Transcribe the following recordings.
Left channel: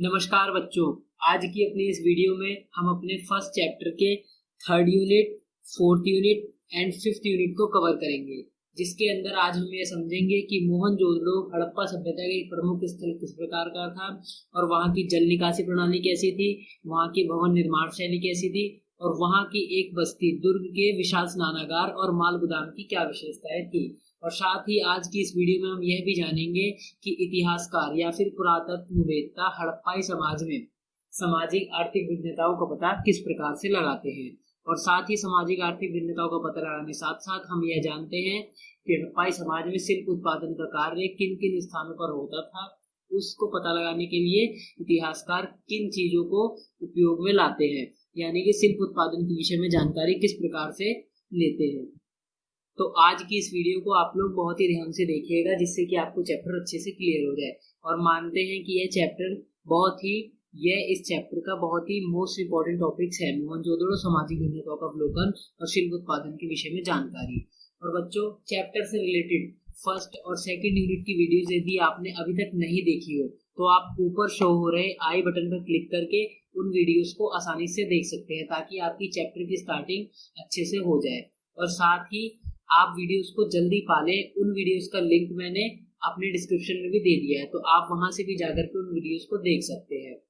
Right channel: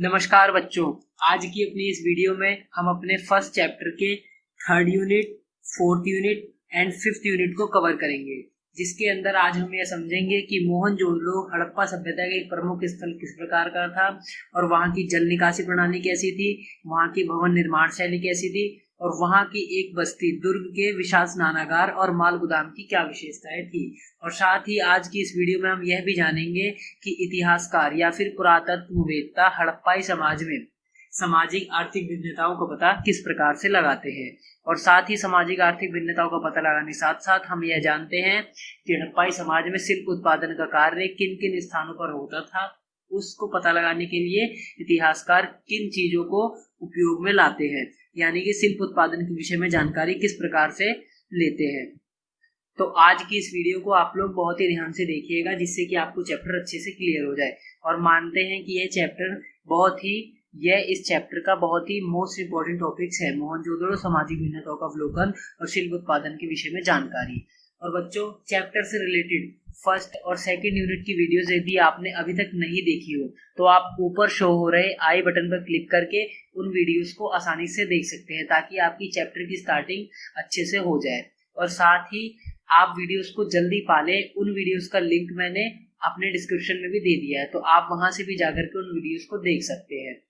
नमस्कार बच्चों। आज की अपनी इस वीडियो में हम अपने फर्स्ट चैप्टर के third unit, fourth unit and fifth unit को कवर करेंगे, जिसके अंदर आज हम यह समझेंगे कि मोहनजोदड़ो हड़प्पा सभ्यता का एक प्रमुख स्थल किस प्रकार का था और वहाँ की जल निकासी प्रणाली कैसी थी, वहाँ की भवन निर्माण शैली कैसी थी और वहाँ की एक बस्ती दुर्ग के विशाल स्नानागार और माल गोदाम की क्या विशेषताएं थी। और साथ ही आज की इस वीडियो में हम यह भी जानेंगे कि इतिहासकार या फिर पुरातत्ववेत्ता हड़प्पाई समाज में सामाजिक आर्थिक भिन्नताओं का पता किस प्रकार से लगाते हैं। और साथ ही सामाजिक आर्थिक भिन्नताओं का पता लगाने साथ साथ हम यह जानते हैं कि हड़प्पाई समाज में शिल्प उत्पादन का कार्य किन किन स्थानों पर होता था। उसको पता लगाने के लिए इतिहासकार किन चीजों को उपयोग में लाते हैं, यानी कि शिल्प उत्पादन के विषय में जानकारी किस प्रकार से लेते हैं। तो आज की इस वीडियो को आप लोग बहुत ही ध्यान से देखिएगा, जिससे कि आपको चैप्टर अच्छे से क्लियर हो जाए। और मानते हैं कि यह इस चैप्टर का बहुत ही मोस्ट इम्पोर्टेंट टॉपिक्स है, मोहनजोदड़ो सामाजिक भिन्नताओं का अवलोकन और शिल्प उत्पादन के विषय में जानकारी। और बच्चों, चैप्टर से रिलेटेड फर्स्ट और सेकंड यूनिट की वीडियोस यदि आपने अभी तक नहीं देखी हो तो आप ऊपर शो हो रहे आई बटन पर क्लिक करके उन वीडियोस को आसानी से देख सकते हैं, ताकि आपकी चैप्टर की स्टार्टिंग अच्छे से हो जाए। और साथ ही आप वीडियोस को जल्दी पाले, उन वीडियोस का लिंक मैंने अपने डिस्क्रिप्शन में भी दे दिया है, तो आप वहां से भी जाकर के उन वीडियोस को देख सकते हैं।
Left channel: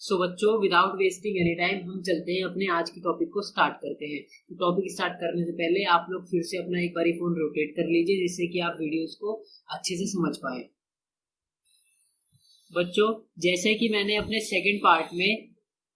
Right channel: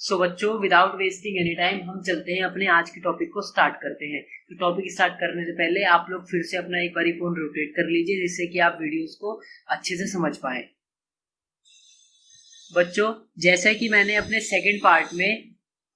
सो बच्चों, विदाउट वेस्टिंग एनी टाइम हम चलते हैं अपने आज के टॉपिक को स्टार्ट करते हैं। तो टॉपिक स्टार्ट करने से पहले आप लोग फिर से अपना एक बार फोन रोटेट कर लीजिए, जिससे कि आप वीडियोस को अच्छे से समझ पाए। बच्चों, जैसा कि मैंने अपने सेकंड पार्ट में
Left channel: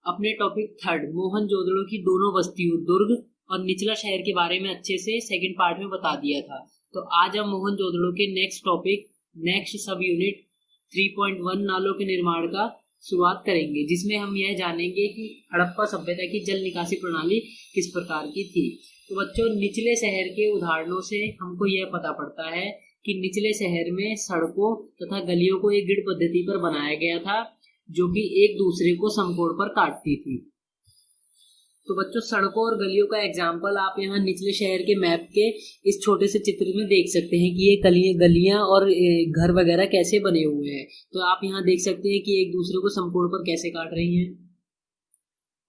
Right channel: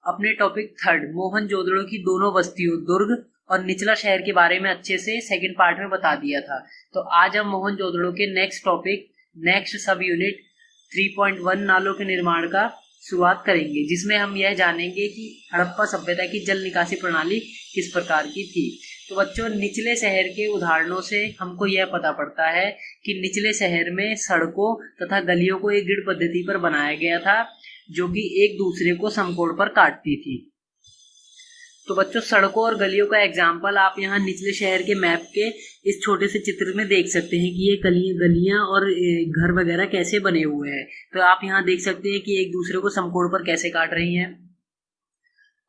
अपने टॉपिक थर्ड मोहनजोदड़ो की दोनों बस्तियों दुर्ग और निचला शहर के बारे में अच्छे से सेकंड पार्ट में बता दिया था, तो आज हम मोहनजोदड़ो के नेक्स्ट सब यूनिट 3.1 नालों के निर्माण का शुरुआत करेंगे, जिसमें हम यह जानेंगे कि हड़प्पा सभ्यता की जल निकासी प्रणाली किस प्रकार की थी। तो बच्चों, निचले शहर के उदाहरणों से हमको यह पता पड़ता है कि निचले शहर में सड़कों तथा गलियों को एक ग्रिड पद्धति पर बनाया गया था, जो कि एक दूसरे को समकोण पर काटती थी। तो बच्चों, सड़कों और गलियों का एग्जाम्पल आप यहाँ निचले शहर के मैप के इस छोटे से चित्र में देख सकते हैं कि ये गलियां और घर वगैरह कैसे बने हुए हैं। तो आप यहाँ देख सकते हैं कि एक दूसरे को समकोण पर कैसे काट रही हैं।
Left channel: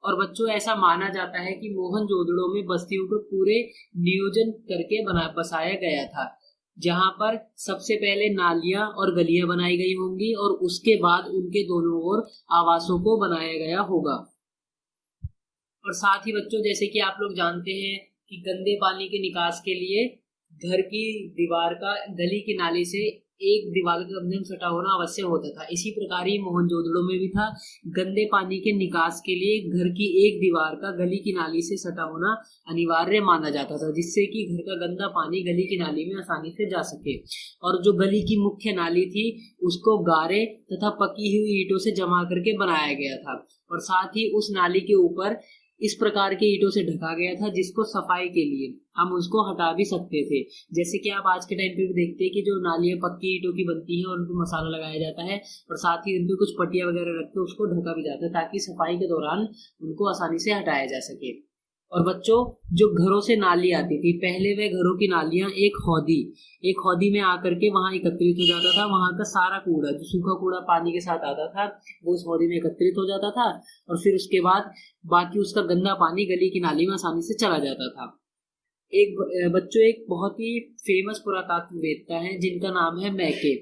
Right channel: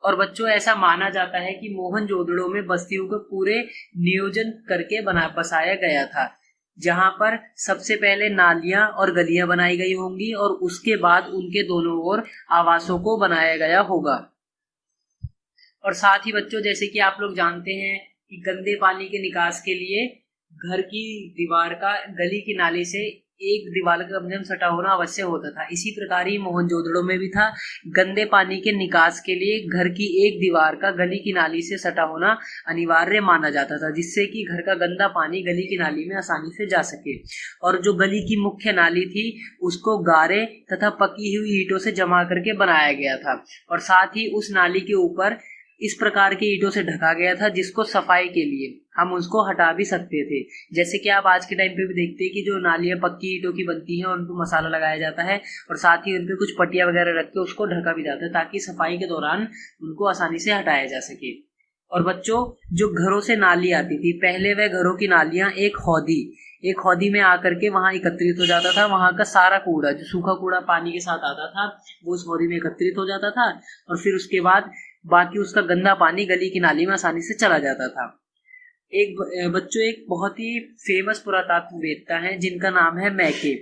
और बच्चों, ऐसा माना जाता है कि मोहनजोदड़ो में बस्तियों को पूरे नियोजन करके बसाया गया था, जहां पर सबसे पहले नालियां और गलियां बनाई गई होंगी और उसके बाद उनके दोनों ओर आवासों को बनाया गया होगा। और साथ ही बच्चों, जैसे कि आप लोग जानते हैं कि गंदे पानी के निकास के लिए घर की दीवार का गली की नाली से एक दीवार का कम से कम सटा होना आवश्यक होता था। इसी प्रकार ही मोहनजोदड़ो में भी था, गंदे पानी के निकास के लिए घर की एक दीवार का गली की नाली से सटा होना अनिवार्य माना जाता था, जिससे कि घर का गंदा पानी गली की नाली में आसानी से जा सके। और जो गली की मुख्य नाली थी उसको गारे तथा पकी हुई ईंटों से जमा करके बनाया गया था, और साथ ही उस नाली के ऊपर इस प्रकार के ईंटों से ढका गया था, जिसको सफाई के लिए हम उसको हटा भी सकते थे। जैसे कि आप आज के टाइम पे भी देखते हैं कि जो नालियां पक्की ईंटों की बनती हैं उन पर मसाला लगाया जाता है और साथ ही उन पे कुछ पट्टियां वगैरह रख के उसको ढका भी जाता है, ताकि सफाई के दौरान उनको आसानी से हटाया जा सके। और बच्चों, जो घरों से नाली आती थी, पहले वह घरों की नालियां एक हौदी में आकर के वहां एकत्रित हो जाता था। वहां का सारा कूड़ा, जो सूखा कूड़ा पानी के साथ आता था, वो उस हौदी में एकत्रित हो जाता था और फिर उसके बाद बाकी उसका गंदा पानी गली की नाली में आसानी से चला जाता था। एक बहुत ही फेमस पुरातत्ववेत्ता है जिनका नाम है मैके।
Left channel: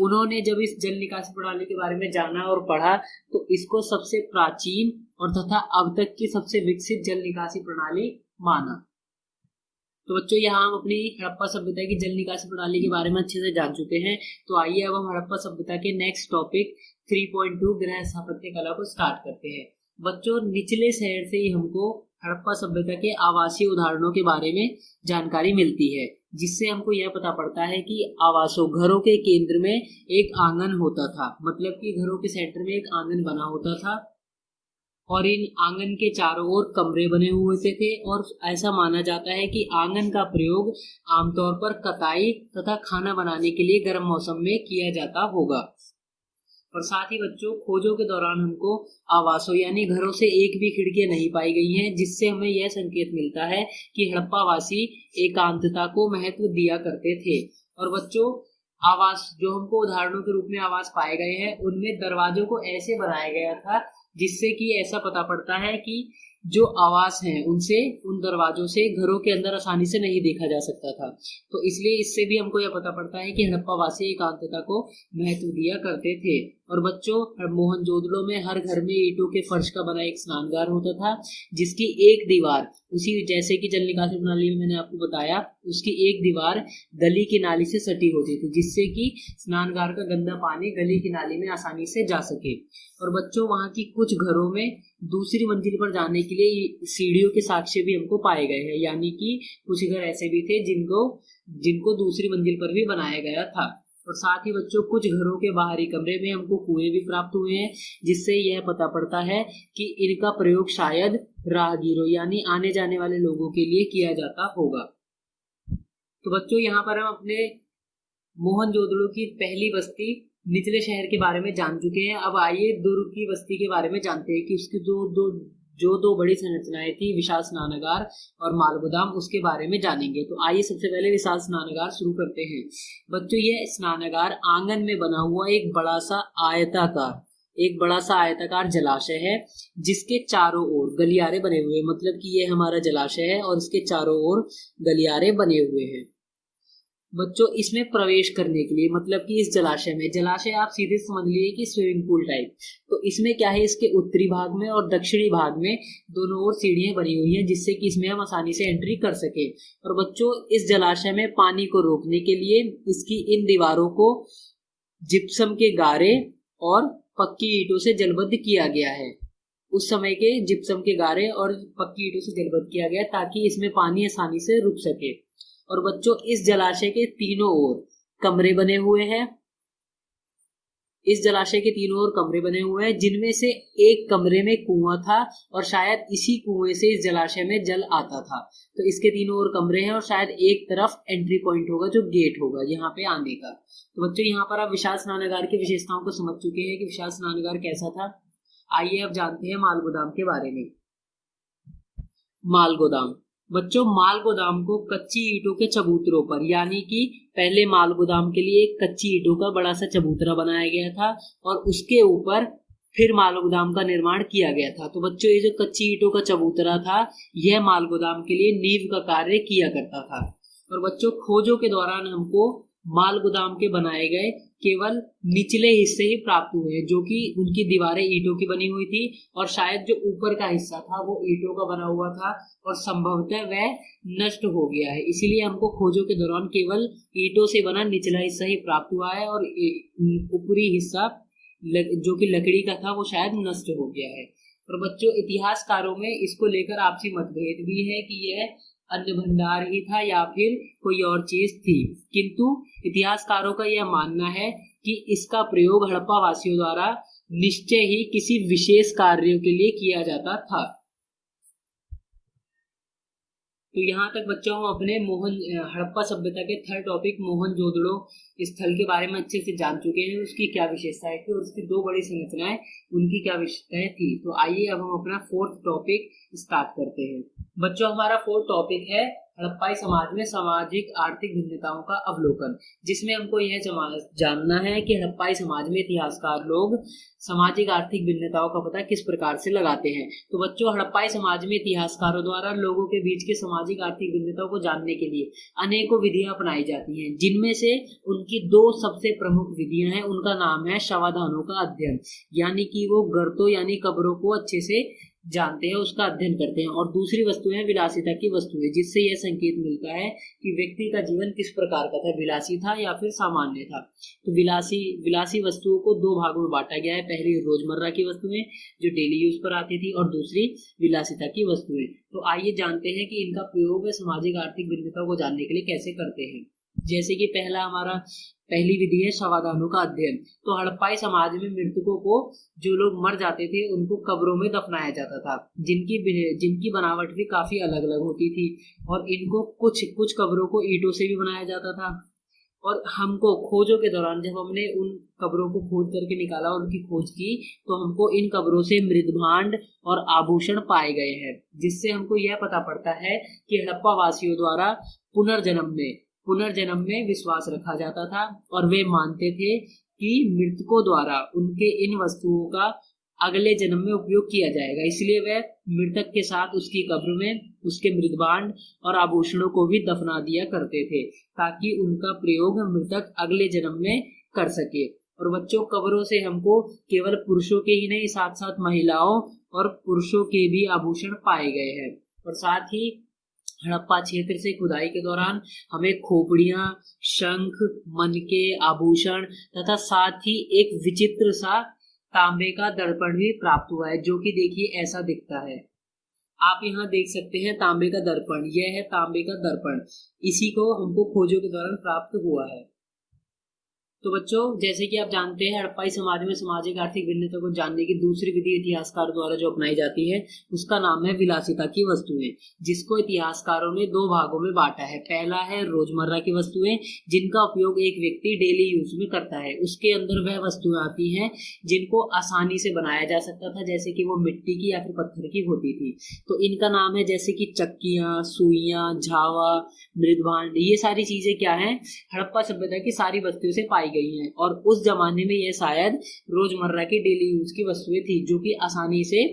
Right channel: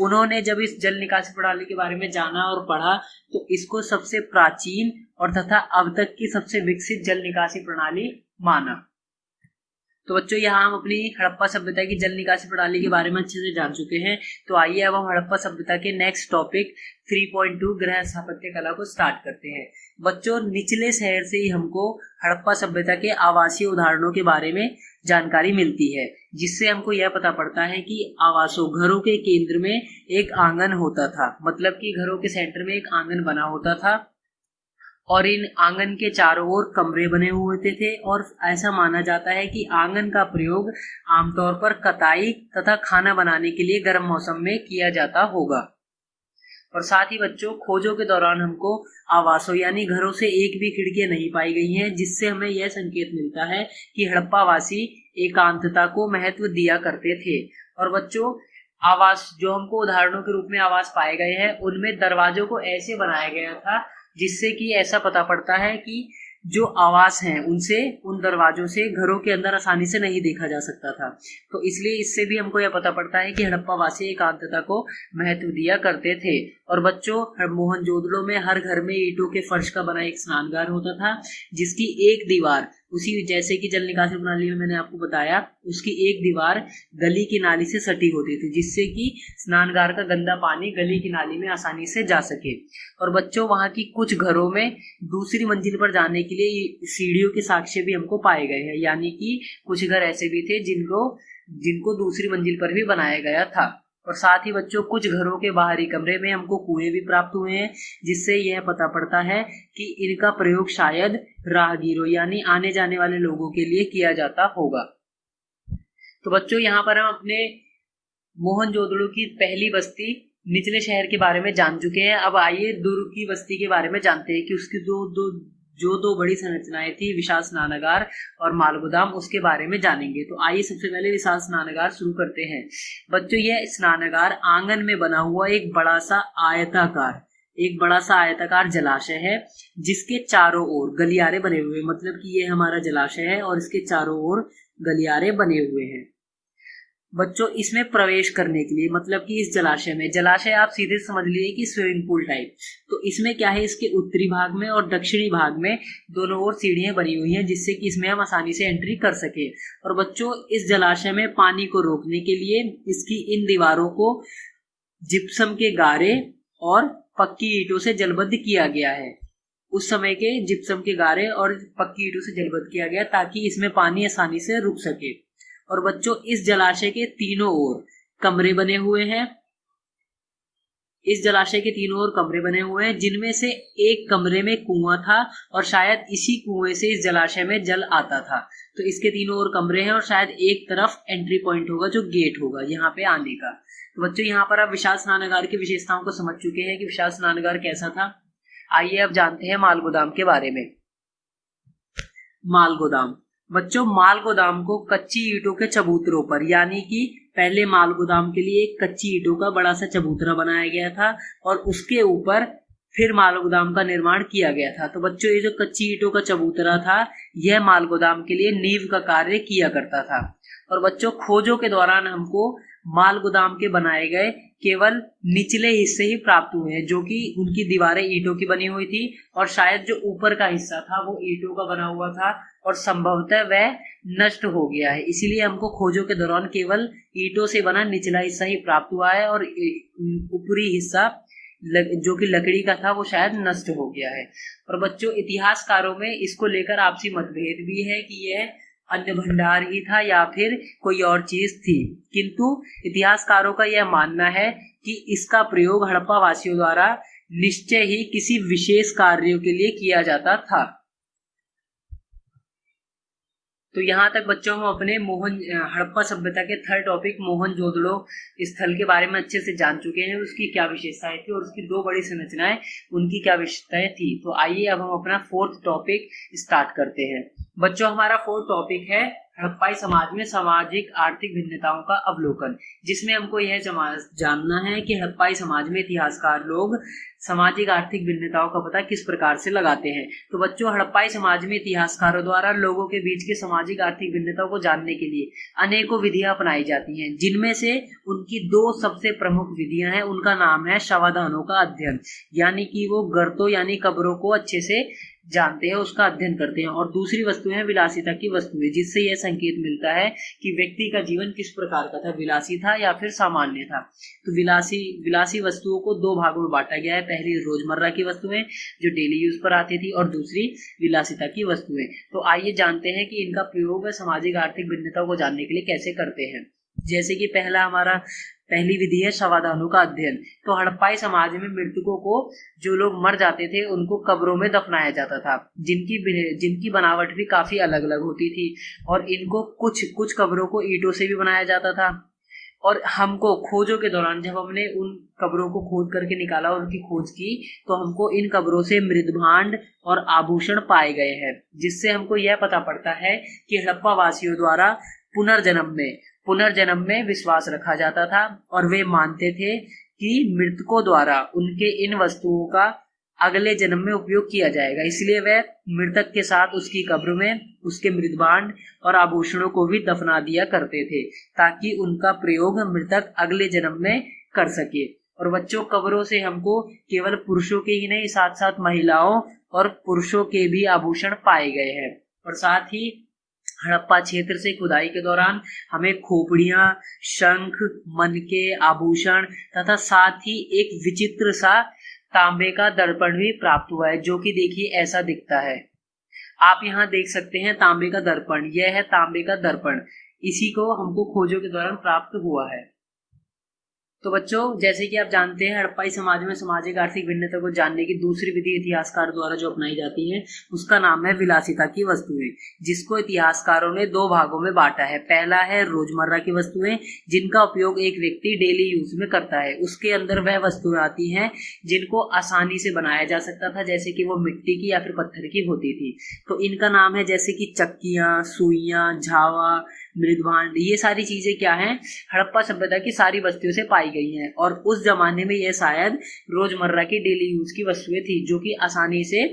उन्होंने जब इस जल निकासी प्रणाली के बारे में जाना और पढ़ा तो इसको सबसे प्राचीन और तथा अब तक की सबसे विकसित जल निकासी प्रणाली माना। तो बच्चों, यहाँ हम अपनी हड़प्पा सभ्यता की जल निकासी प्रणाली के बारे में अच्छे से जान चुके हैं। तो आइए अब हम हड़प्पा सभ्यता के नेक्स्ट टॉपिक 3.2 गृह स्थापत्य कला को स्टार्ट करते हैं। बच्चों, निचले शहर से ही हमको हड़प्पा सभ्यता के आवासीय उदाहरणों के बारे में जानकारी मिलती है, जिससे हमको यह पता पड़ता है कि घरों के केंद्र में एक आंगन होता था, मतलब कि घरों के सेंटर में एक आंगन बना होता था और इन आंगन के चारों ओर कमरे बने हुए थे। और ऐसा माना जाता है कि आंगन का प्रयोग आमतौर पर कताई तथा खाना बनाने के लिए गर्म मौसम में किया जाता होगा। और साथ ही बच्चों, खोजों के दौरान हमको आवासों यानी घरों से एक भी खिड़कियां नहीं पाई गई हैं, जिससे हमें यह संकेत मिलता है कि हड़प्पा वासी एकांतता को महत्व दिया करते थे। और बच्चों, आवास जो हमको उदाहरणों के रूप में आवास पाए गए हैं, उनमें दरवाजों को ऐसे बनाया गया था जिससे कि ऐसा पता पड़ता है कि जो आवास हैं उनसे, उन दरवाजों से घरों के अंदर आसानी से नहीं देखा जा सकता था। तो इसलिए इससे भी हमको यह पता पड़ता है कि हड़प्पा वासी एकांतता को महत्व दिया करते थे। और बच्चों, मोहनजोदड़ो में हर घर में ईंटों के फर्श का बना एक स्नानघर होता था, जिसकी एक दीवार, उसी जैसे कि जल निकासी प्रणाली में मैंने आपको बताया, उसकी एक दीवार गली की नाली से सटी होती थी, जिससे कि स्नानघर का गंदा पानी गली की नाली में आसानी से जा सके। और बच्चों, वहां की कुछ घरों में दूसरी मंजिल पर जाने के लिए सीढ़ियों के साक्ष्य भी हमको पाए गए हैं, यानी कि कुछ घर ऐसे भी थे जिनको दूसरी मंजिल पर भी बनाया गया था। और साथ ही बच्चों, कुछ घरों के बाहरी कमरे में हमको कुएं भी प्राप्त हुए हैं, जिससे यह पता पड़ता है कि इनका प्रयोग शायद राहगीरों यानी आने जाने वाले लोगों के लिए किया जाता होगा। तो बच्चों, यहाँ पर हम अपने मोहनजोदड़ो की पहली बस्ती निचले शहर के बारे में जान चुके हैं। अब आइए दुर्ग की बस्ती के बारे में जानते हैं कि उसकी दो बड़ी संरचनाएं थी, विशाल स्नानागार और मालगोदाम, उसके बारे में जानेंगे। तो आइए सबसे पहले विशाल स्नानागार शुरू करते हैं। बच्चों, यह स्नानागार आंगन में बना हुआ एक बड़ा सा आयताकार जलाशय है, जिसके चारों ओर गलियारे बने हुए, मतलब कि ये हमारा जलाशय है और इसके चारों ओर गलियारे बने हुए हैं। बच्चों, इसमें प्रवेश करने के लिए, मतलब कि इस जलाशय आप सीधे समझ लीजिए कि स्विमिंग पूल टाइप। तो इसमें क्या है, इसके उत्तरी भाग में और दक्षिणी भाग में दोनों ओर सीढ़ियां बनी हुई हैं, जिससे कि इसमें हम आसानी से एंट्री कर सके। और बच्चों, इस जलाशय में पानी को रोकने के लिए इसकी इन दीवारों को जिप्सम के गारे और पक्की ईंटों से जलबद्ध किया गया है। उस समय के जिप्सम के गारे और पक्की ईंटों से जलबद्ध किया गया ताकि इसमें पानी आसानी से रुक सके। और बच्चों, इस जलाशय के तीनों ओर कमरे बने हुए हैं। इस जलाशय के तीनों ओर कमरे बने हुए हैं, जिनमें से एक कमरे में कुआं था और शायद इसी कुएं से इस जलाशय में जल आता था। तो इसके तीनों ओर कमरे हैं और शायद एक तरफ एंट्री पॉइंट होगा, जो गेट होगा यहाँ पे आने का। तो बच्चों, यहाँ पर आप विशाल स्नानागार की विशेषताओं को समझ चुके हैं कि विशाल स्नानागार कैसा था। आइए अब जानते हैं मालगोदाम के बारे में। मालगोदाम, बच्चों, मालगोदाम को कच्ची ईंटों के चबूतरों पर, यानी कि पहले मालगोदाम के लिए एक कच्ची ईंटों का बड़ा सा चबूतरा बनाया गया था और उसके ऊपर फिर मालगोदाम का निर्माण किया गया था। तो बच्चों, ये जो कच्ची ईंटों का चबूतरा था, यह मालगोदाम के लिए नींव का कार्य किया करता था। और बच्चों, खोजों के दौरान हमको मालगोदाम के बनाए गए केवल निचले हिस्से ही प्राप्त हुए हैं, जो कि उनकी दीवारें ईंटों की बनी हुई थी और शायद जो ऊपर का हिस्सा था वो ईंटों का बना हुआ था और संभवतः वह नष्ट हो गया है। इसीलिए हमको खोजों के दौरान केवल ईंटों से बना निचला हिस्सा ही प्राप्त हुआ है और ऊपरी हिस्सा जो कि लकड़ी का था वो शायद नष्ट हो गया है। और बच्चों, इतिहासकारों में इसको लेकर आपसी मतभेद भी है कि यह अन्न भंडार ही था या फिर कोई और चीज थी, किंतु इतिहासकारों का यह मानना है कि इसका प्रयोग हड़प्पा वासियों द्वारा निश्चय ही किसी विशेष कार्यों के लिए किया जाता था। तो यहाँ तक बच्चों हम अपने हड़प्पा सभ्यता के थर्ड टॉपिक मोहनजोदड़ो स्थल के बारे में अच्छे से जान चुके हैं, उसकी क्या विशेषताएं थी और उसकी दो बड़ी संरचनाएं, उनकी क्या विशेषताएं थी। तो आइए अब हम अपना फोर्थ टॉपिक स्टार्ट करते हैं। बच्चों, हमारा फोर्थ टॉपिक है हड़प्पाई समाज में सामाजिक आर्थिक भिन्नताओं का अवलोकन, जिसमें हमको यह जानना है कि हड़प्पाई समाज में इतिहासकार लोग सामाजिक आर्थिक भिन्नताओं का पता किस प्रकार से लगाते हैं। तो बच्चों, हड़प्पाई समाज में इतिहासकारों द्वारा लोगों के बीच के सामाजिक आर्थिक भिन्नताओं को जानने के लिए अनेकों विधियां अपनाई जाती हैं, जिनमें से उनकी दो सबसे प्रमुख विधियां हैं। उनका नाम है शवाधानों का अध्ययन, यानी कि वो गर्तों यानी कब्रों को अच्छे से जानते हैं, उसका अध्ययन करते हैं। और दूसरी वस्तुएं हैं विलासिता की वस्तुएं, जिससे यह संकेत मिलता है कि व्यक्ति का जीवन किस प्रकार का था, विलासी था या फिर सामान्य था। तो विलासी वस्तुओं को दो भागों में बांटा गया है। पहली रोजमर्रा की वस्तुएं जो डेली यूज पर आती थी और दूसरी विलासिता की वस्तुएं। तो आइए जानते हैं कि इनका प्रयोग सामाजिक आर्थिक भिन्नता को जानने के लिए कैसे करते हैं। जैसे कि पहली विधि है शवाधानों का अध्ययन। तो हड़प्पाई समाज में मृतकों को, जो लोग मर जाते थे, उनको कब्रों में दफनाया जाता था, जिनकी बनावट भी काफी अलग अलग होती थी और इनको कुछ कब्रों को ईंटों से भी बनाया जाता था। और हमको खोजों के दौरान जब हमने उन कब्रों को खोद करके निकाला और उनकी खोज की, तो हमको इन कब्रों से मृदभांड और आभूषण पाए गए हैं, जिससे हमको यह पता पड़ता है कि हड़प्पा वासियों द्वारा पुनर्जन्म में पुनर्जन्म में विश्वास रखा जाता था और वे मानते थे कि मृतकों द्वारा उनके इन वस्तुओं का अगले जन्म में उपयोग किया जाएगा, इसलिए वह मृतक के साथ उसकी कब्र में उसके मृतभांड और आभूषणों को भी दफना दिया करते थे ताकि उनका प्रयोग मृतक अगले जन्म में कर सके। और बच्चों, कब्रों से हमको केवल पुरुषों के ही नहीं, साथ साथ महिलाओं और पुरुषों के भी आभूषण पाए गए हैं। और साथ ही हड़प्पा क्षेत्र से खुदाई के दौरान हमें खोपड़ियां, शंख, मनके, आभूषण तथा साथ ही एक विचित्र सा तांबे का दर्पण भी प्राप्त हुआ है, जो कि देखिए ऐसा दिखता है। आप यहाँ देख सकते हैं तांबे का दर्पण, यह है तांबे का दर्पण। इसी को हमको खोजों के दौरान प्राप्त हुआ है। तो बच्चों, जैसे कि आप जानते हैं, हड़प्पाई समाज में सामाजिक आर्थिक भिन्नता को जानने की दूसरी विधि इतिहासकार द्वारा जो अपनाई जाती है उसका नाम है विलासिता की वस्तुएं, जिसको इतिहासकारों ने दो भागों में बांटा है। पहला है रोजमर्रा की वस्तुएं, जिनका उपयोग एक व्यक्ति डेली यूज में करता है। उसके अंदर वह वस्तुएं आती हैं जिनको आसानी से बनाया जा सकता था, जैसे कि वो मिट्टी की या फिर पत्थर की होती थी। तो इनका नाम है जैसे कि चक्कियां, सुइयां, झावा, मृदभांड। ये सारी चीजें क्या है, हड़प्पा सभ्यता की सारी वस्तुओं से पाई गई हैं और उस जमाने में यह शायद रोजमर्रा की डेली यूज की वस्तुएं थी जो कि आसानी से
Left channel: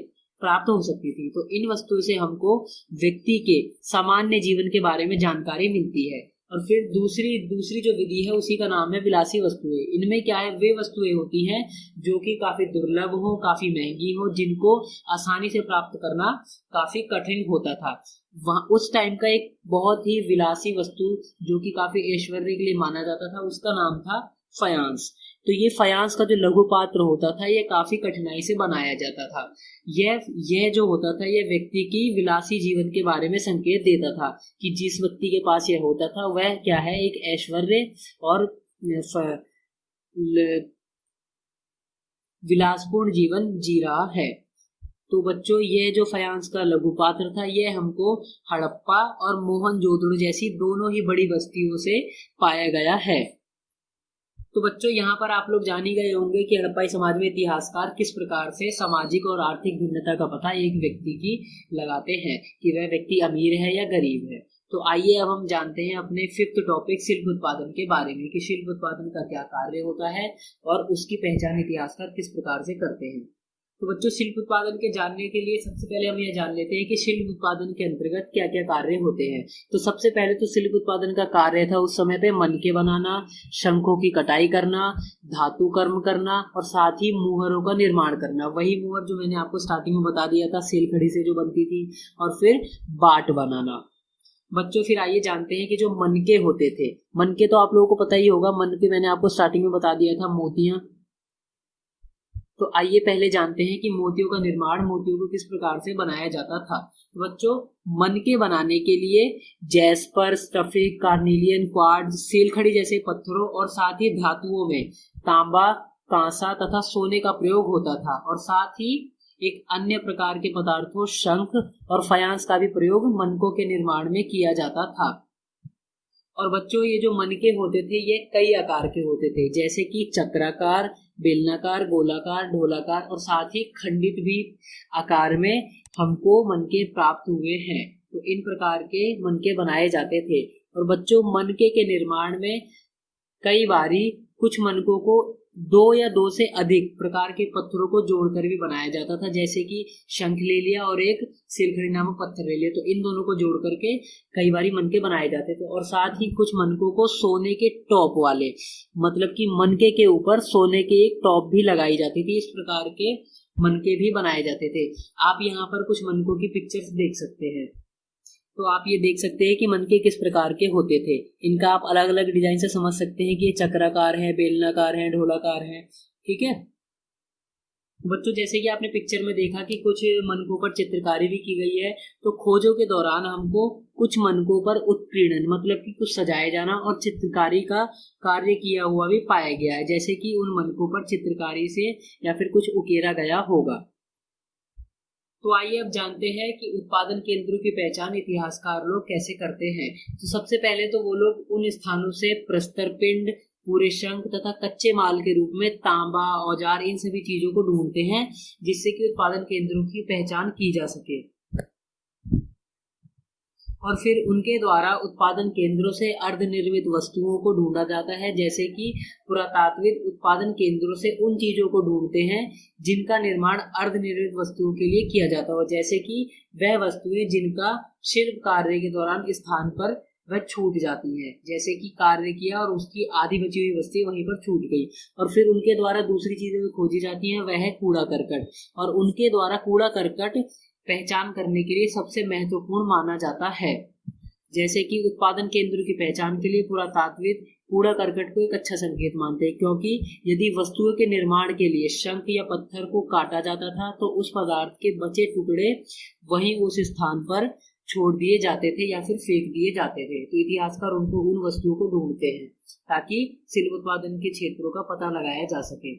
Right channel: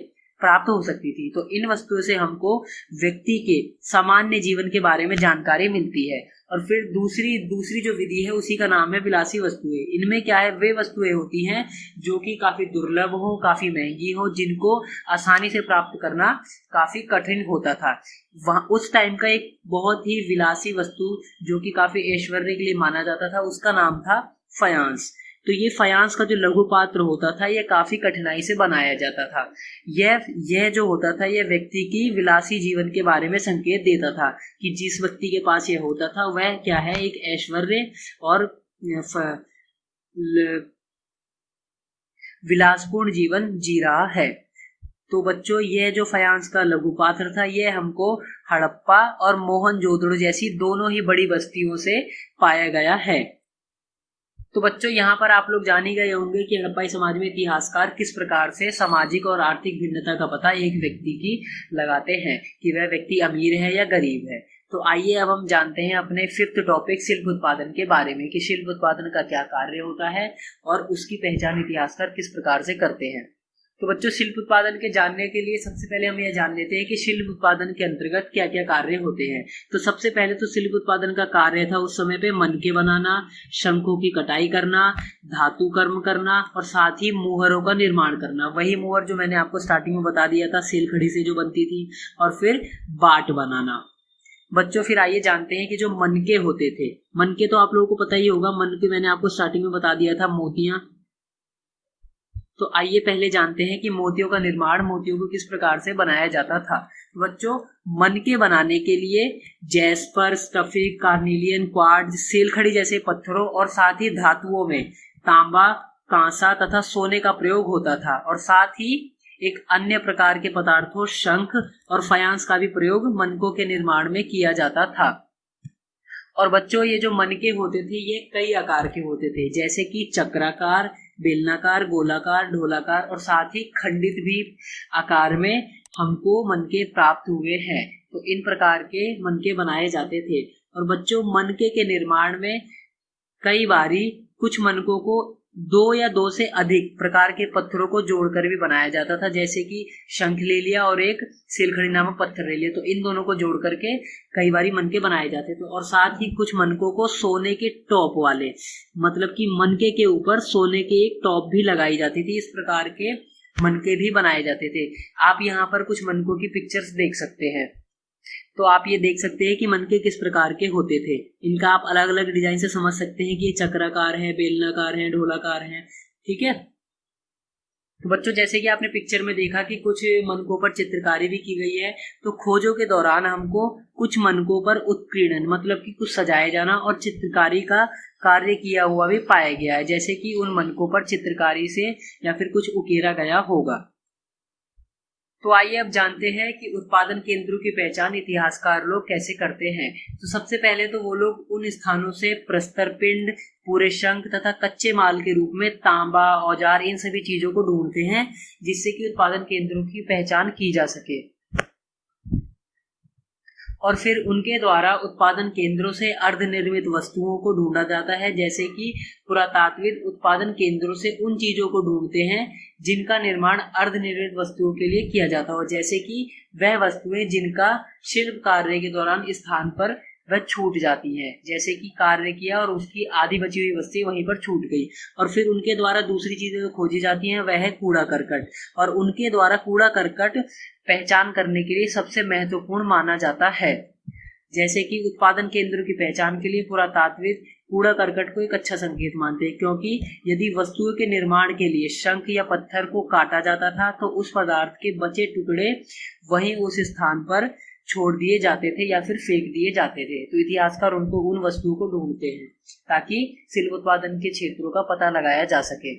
प्राप्त हो सकती थी। तो इन वस्तुओं से हमको व्यक्ति के सामान्य जीवन के बारे में जानकारी मिलती है। और फिर दूसरी जो विधि है उसी का नाम है विलासी वस्तुएं। इनमें क्या है, वे वस्तुएं होती हैं जो कि काफी दुर्लभ हो, काफी महंगी हो, जिनको आसानी से प्राप्त करना काफी कठिन होता था। वहाँ उस टाइम का एक बहुत ही विलासी वस्तु जो कि काफी ऐश्वर्य के लिए माना जाता था, उसका नाम था फयांस। तो ये फयांस का जो लघु पात्र होता था यह काफी कठिनाई से बनाया जाता था। यह जो होता था यह व्यक्ति की विलासी जीवन के बारे में संकेत देता था कि जिस व्यक्ति के पास यह होता था वह क्या है, एक ऐश्वर्य और विलासपूर्ण जीवन जी रहा है। तो बच्चों, यह जो फयांस का लघु पात्र था यह हमको हड़प्पा और मोहनजोदड़ो जैसी दोनों ही बड़ी बस्तियों से पाया गया है। तो बच्चों, यहाँ पर आप लोग जान ही गए होंगे कि हड़प्पाई समाज में इतिहासकार किस प्रकार से सामाजिक और आर्थिक भिन्नता का पता एक व्यक्ति की लगाते हैं कि वह व्यक्ति अमीर है या गरीब है। तो आइए अब हम जानते हैं अपने 5th टॉपिक शिल्प उत्पादन के बारे में कि शिल्प उत्पादन का क्या कार्य होता है और उसकी पहचान इतिहासकार किस प्रकार से करते हैं। तो बच्चों, शिल्प उत्पादन के जानने के लिए सबसे पहले हम यह जान लेते हैं कि शिल्प उत्पादन के अंतर्गत क्या क्या कार्य होते हैं। तो सबसे पहले तो शिल्प उत्पादन का कार्य था उस समय पे मनके बनाना, शंखों की कटाई करना, धातु कर्म करना और साथ ही मुहरों का निर्माण करना। वही मुहर जो मैंने आपको स्टार्टिंग में बता दिया था, सेलखड़ी से जो बनती थी, और फिर बाट बनाना। बच्चों, फिर आइए जानते हैं कि जो मनके होते थे, मनके तो आप लोगों को पता ही होगा, मनके मैंने आपको स्टार्टिंग में बता दिया था, मोतियां। तो आइए पहले जानते हैं कि मोतियों का निर्माण, मोतियों को किस प्रकार से बनाया जाता था। तो बच्चों, मनके बनाने के लिए जैस्पर, स्फटिक, कार्नेलियन, क्वार्ट्ज, सेलखड़ी जैसे पत्थरों और साथ ही धातुओं में तांबा, कांसा तथा सोने का प्रयोग होता था। और साथ ही एक अन्य प्रकार के पदार्थों, शंख और फयांस का भी प्रयोग मनकों के निर्माण में किया जाता था। और बच्चों, ये जो मनके होते थे ये कई आकार के होते थे, जैसे कि चक्राकार, बेलनाकार, गोलाकार, ढोलाकार और साथ ही खंडित भी आकार में हमको मनके प्राप्त हुए हैं। तो इन प्रकार के मनके बनाए जाते थे। और बच्चों, मनके के निर्माण में कई बारी कुछ मनकों को 2 या 2 से अधिक प्रकार के पत्थरों को जोड़कर भी बनाया जाता था, जैसे कि शंख ले लिया और एक सेलखड़ी नामक पत्थर ले लिया, तो इन दोनों को जोड़ करके कई बारी मनके बनाए जाते थे। और साथ ही कुछ मनकों को सोने के टॉप वाले, मतलब कि मनके के ऊपर सोने के एक टॉप भी लगाई जाती थी, इस प्रकार के मनके भी बनाए जाते थे। आप यहाँ पर कुछ मनकों की पिक्चर्स देख सकते हैं। तो आप ये देख सकते हैं कि मनके किस प्रकार के होते थे। इनका आप अलग अलग डिजाइन से समझ सकते हैं कि ये चक्राकार है, बेलनाकार है, ढोलाकार है। ठीक है। तो बच्चों, जैसे कि आपने पिक्चर में देखा कि कुछ मनकों पर चित्रकारी भी की गई है, तो खोजों के दौरान हमको कुछ मनकों पर उत्कीर्णन, मतलब कि कुछ सजाए जाना और चित्रकारी का कार्य किया हुआ भी पाया गया है, जैसे कि उन मनकों पर चित्रकारी से या फिर कुछ उकेरा गया होगा। तो आइए अब जानते हैं कि उत्पादन केंद्रों की पहचान इतिहासकार लोग कैसे करते हैं। तो सबसे पहले तो वो लोग उन स्थानों से प्रस्तर पिंड, पूरे शंख तथा कच्चे माल के रूप में तांबा, औजार, इन सभी चीजों को ढूंढते हैं जिससे कि उत्पादन केंद्रों की पहचान की जा सके। और फिर उनके द्वारा उत्पादन केंद्रों से अर्धनिर्मित वस्तुओं को ढूंढा जाता है, जैसे कि पुरातात्विक उत्पादन केंद्रों से उन चीजों को ढूंढते हैं जिनका निर्माण अर्धनिर्मित वस्तुओं के लिए किया जाता हो, जैसे कि वह वस्तुएं जिनका शिल्प कार्य के दौरान स्थान पर वह छूट जाती हैं, जैसे कि कार्य किया और उसकी आधी बची हुई वस्तु वहीं पर छूट गई। और फिर उनके द्वारा दूसरी चीजें जो खोजी जाती हैं वह है कूड़ा करकट, और उनके द्वारा कूड़ा करकट पहचान करने के लिए सबसे महत्वपूर्ण माना जाता है। जैसे कि उत्पादन केंद्रों की पहचान के लिए पुरातात्विक कूड़ा करकट को एक अच्छा संकेत मानते हैं, क्योंकि यदि वस्तुओं के निर्माण के लिए शंख या पत्थर को काटा जाता था तो उस पदार्थ के बचे टुकड़े वहीं उस स्थान पर छोड़ दिए जाते थे या फिर फेंक दिए जाते थे। तो इतिहासकार उनको उन वस्तुओं को ढूंढते हैं ताकि शिल्प उत्पादन के क्षेत्रों का पता लगाया जा सके।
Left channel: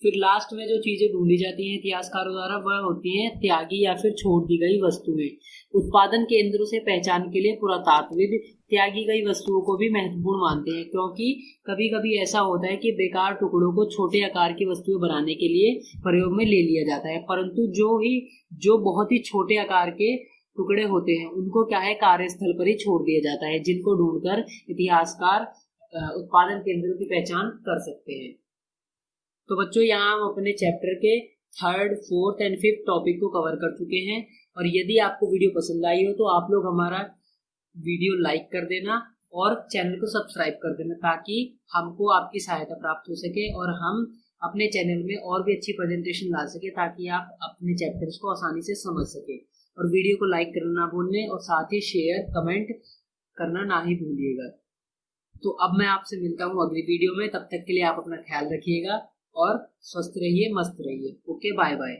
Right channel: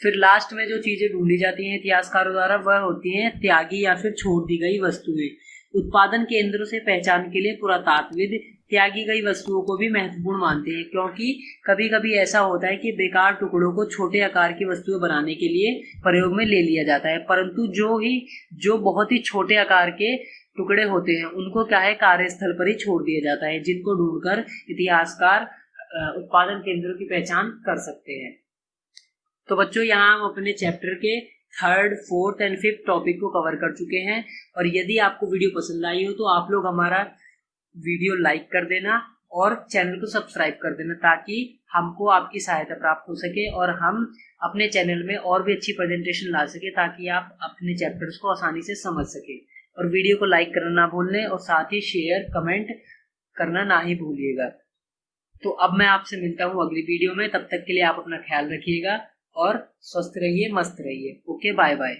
फिर लास्ट में जो चीजें ढूंढी जाती हैं इतिहासकारों द्वारा वह होती हैं त्यागी या फिर छोड़ दी गई वस्तुएं। उत्पादन केंद्रों से पहचान के लिए पुरातात्विद त्यागी गई वस्तुओं को भी महत्वपूर्ण मानते हैं, क्योंकि कभी कभी ऐसा होता है कि बेकार टुकड़ों को छोटे आकार की वस्तुएं बनाने के लिए प्रयोग में ले लिया जाता है, परंतु जो बहुत ही छोटे आकार के टुकड़े होते हैं उनको क्या है कार्यस्थल पर ही छोड़ दिया जाता है, जिनको ढूंढकर इतिहासकार उत्पादन केंद्रों की पहचान कर सकते हैं। तो बच्चों यहाँ हम अपने चैप्टर के 3rd, 4th and 5th topic को कवर कर चुके हैं, और यदि आपको वीडियो पसंद आई हो तो आप लोग हमारा वीडियो लाइक कर देना और चैनल को सब्सक्राइब कर देना, ताकि हमको आपकी सहायता प्राप्त हो सके और हम अपने चैनल में और भी अच्छी प्रेजेंटेशन ला सके, ताकि आप अपने चैप्टर्स को आसानी से समझ सके। और वीडियो को लाइक करना ना भूलने और साथ ही शेयर कमेंट करना ना ही भूलिएगा। तो अब मैं आपसे मिलता हूँ अगली वीडियो में, तब तक के लिए आप अपना ख्याल रखिएगा और स्वस्थ रहिए, मस्त रहिए। Okay, bye bye.